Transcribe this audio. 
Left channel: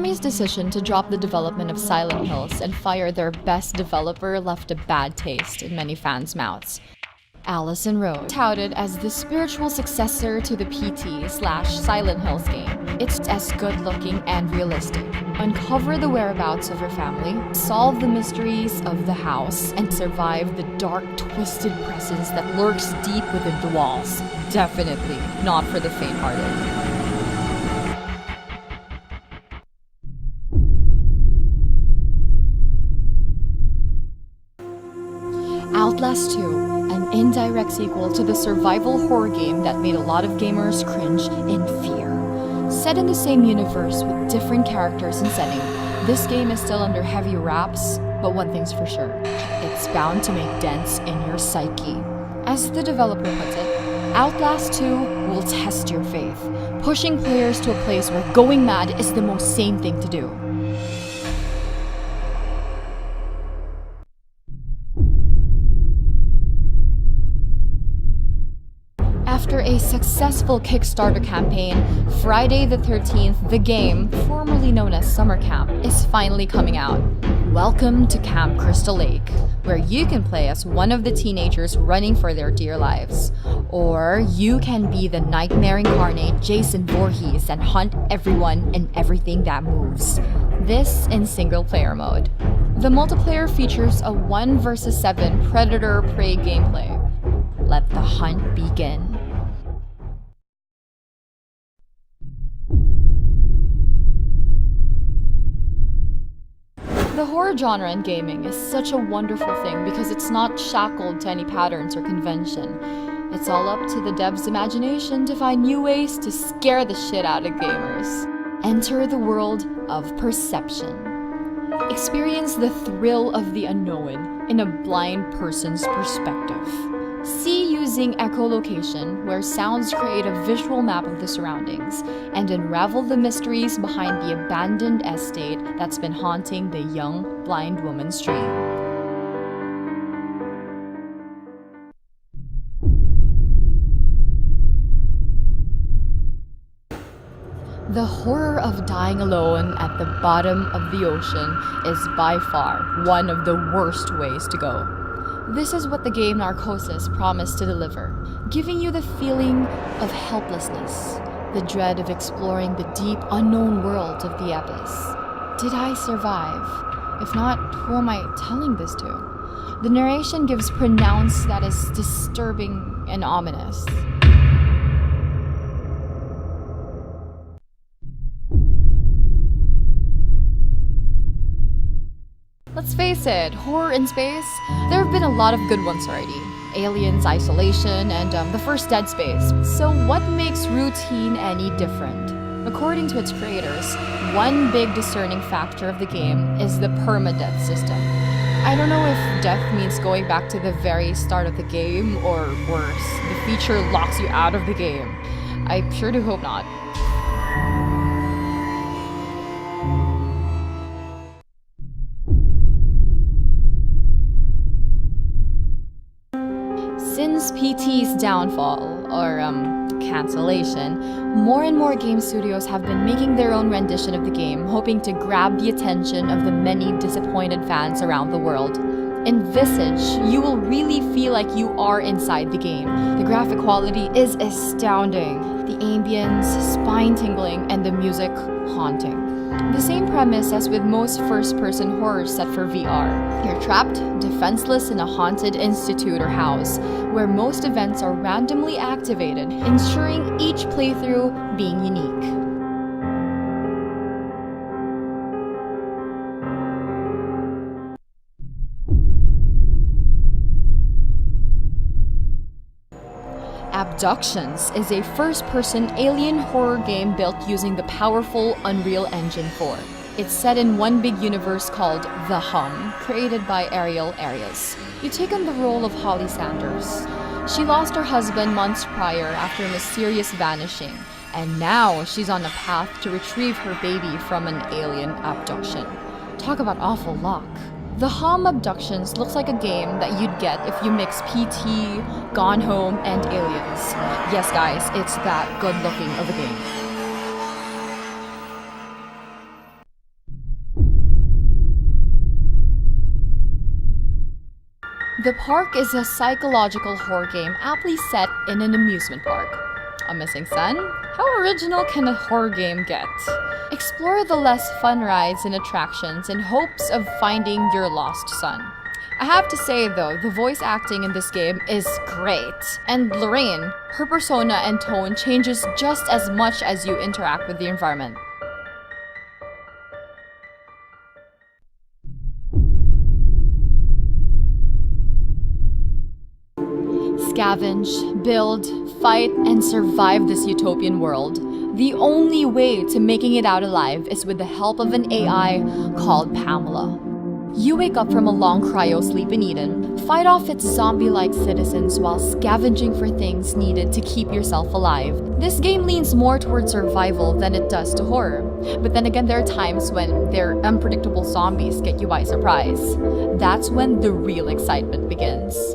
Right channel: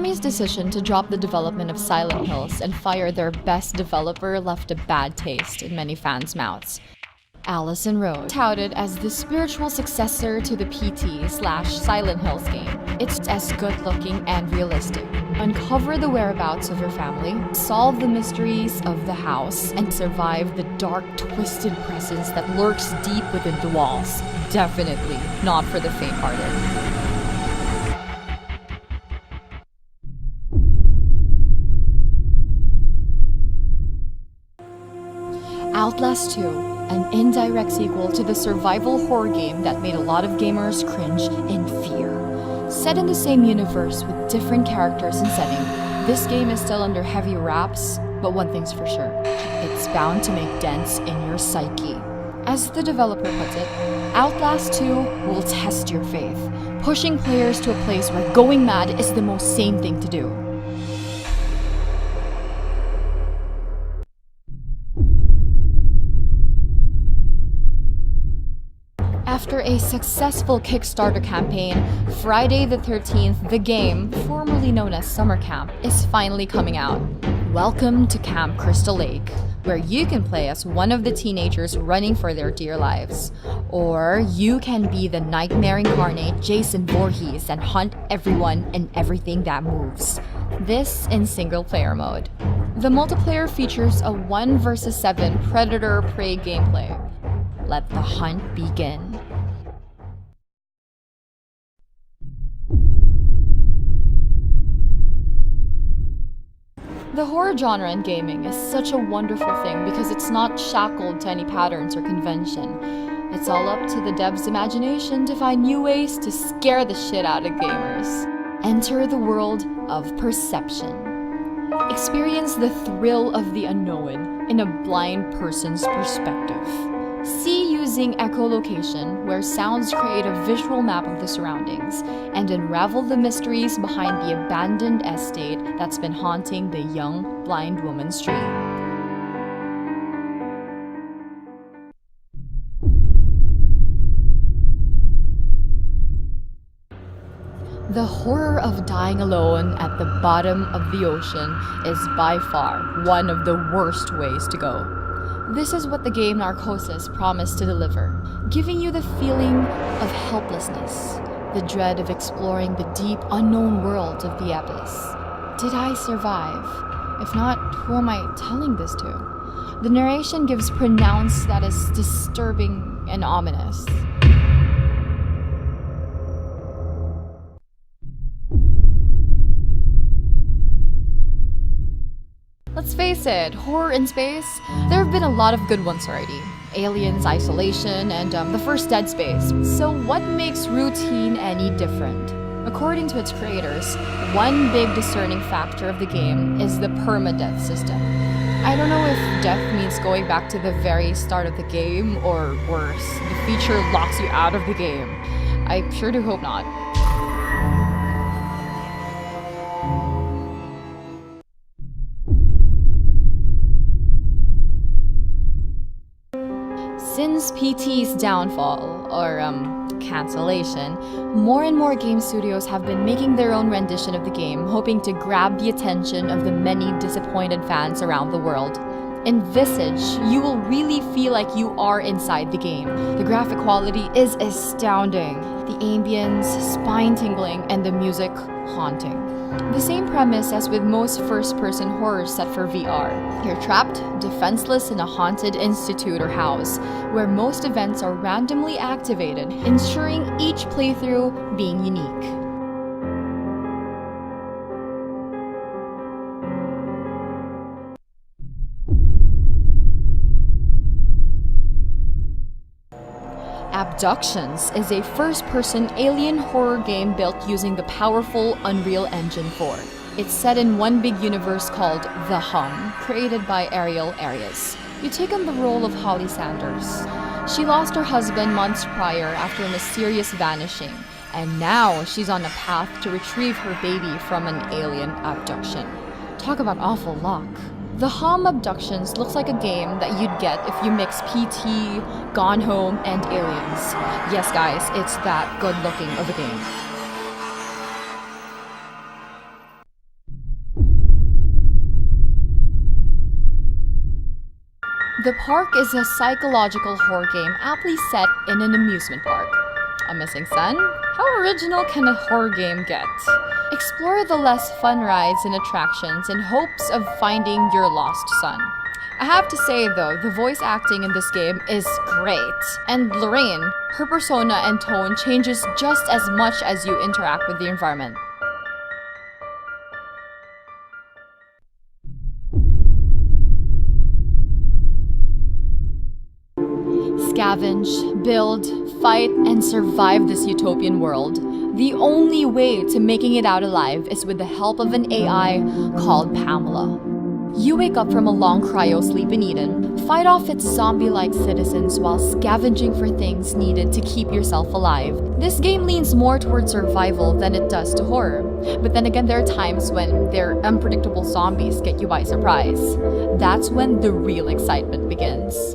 Konami's decision to drop the development of Silent Hills and fire their best developer left a bad taste in many fans' mouths. Allison Road, touted as the spiritual successor to the PT/Silent Hills game. It's as good-looking and realistic. Uncover the whereabouts of your family, solve the mysteries of the house, and survive the dark, twisted presence that lurks deep within the walls. Definitely not for the faint-hearted. Outlast 2, an indirect sequel to the survival horror game that made a lot of gamers cringe in fear. Set in the same universe with different characters and setting, this game is still under heavy wraps, but one thing's for sure, it's bound to make dents in your psyche. As the developer puts it, Outlast 2 will test your faith, pushing players to a place where going mad is the most sane thing to do. After a successful Kickstarter campaign, Friday the 13th, the game, formerly known as Summer Camp, is finally coming out. Welcome to Camp Crystal Lake, where you can play as one of the teenagers running for their dear lives. Or you can be the nightmare incarnate Jason Voorhees and hunt everyone and everything that moves. This in single-player mode. The multiplayer features a 1 vs 7 predator-prey gameplay. Let the hunt begin. The horror genre in gaming is such a wonderful thing because it's not shackled to any patterns or convention. It's all up to the devs' imagination to find new ways to scare the shit out of gamers. Enter the world of perception. Experience the thrill of the unknown in a blind person's perspective. See using echolocation, where sounds create a visual map of the surroundings, and unravel the mysteries behind the abandoned estate that's been haunting the young, blind woman's dream. The horror of dying alone at the bottom of the ocean is by far one of the worst ways to go. This is what the game Narcosis promised to deliver, giving you the feeling of helplessness, the dread of exploring the deep, unknown world of the abyss. Did I survive? If not, who am I telling this to? The narration gives pronouns that is disturbing and ominous. Let's face it, horror in space, there have been a lot of good ones already. Aliens, Isolation, and the first Dead Space. So what makes routine any different? According to its creators, one big discerning factor of the game is the permadeath system. I don't know if death means going back to the very start of the game, or worse, the feature locks you out of the game. I sure do hope not. Since PT's downfall, or cancellation, more and more game studios have been making their own rendition of the game, hoping to grab the attention of the many disappointed fans around the world. In Visage, you will really feel like you are inside the game. The graphic quality is astounding, the ambience spine-tingling, and the music haunting. The same premise as with most first-person horrors set for VR. You're trapped, defenseless in a haunted institute or house, where most events are randomly activated, ensuring each playthrough being unique. Abductions is a first-person alien horror game built using the powerful Unreal Engine 4. It's set in one big universe called The Hum, created by Ariel Arias. You take on the role of Holly Sanders. She lost her husband months prior after a mysterious vanishing, and now she's on a path to retrieve her baby from an alien abduction. Talk about awful luck. The Hum Abductions looks like a game that you'd get if you mix PT, Gone Home, and Aliens. Yes guys, it's that good looking of a game. The Park is a psychological horror game aptly set in an amusement park. A missing son? How original can a horror game get? Explore the less fun rides and attractions in hopes of finding your lost son. I have to say though, the voice acting in this game is great. And Lorraine, her persona and tone changes just as much as you interact with the environment. Scavenge, build, fight, and survive this utopian world. The only way to making it out alive is with the help of an AI called Pamela. You wake up from a long cryo sleep in Eden, fight off its zombie-like citizens while scavenging for things needed to keep yourself alive. This game leans more towards survival than it does to horror. But then again, there are times when their unpredictable zombies get you by surprise. That's when the real excitement begins.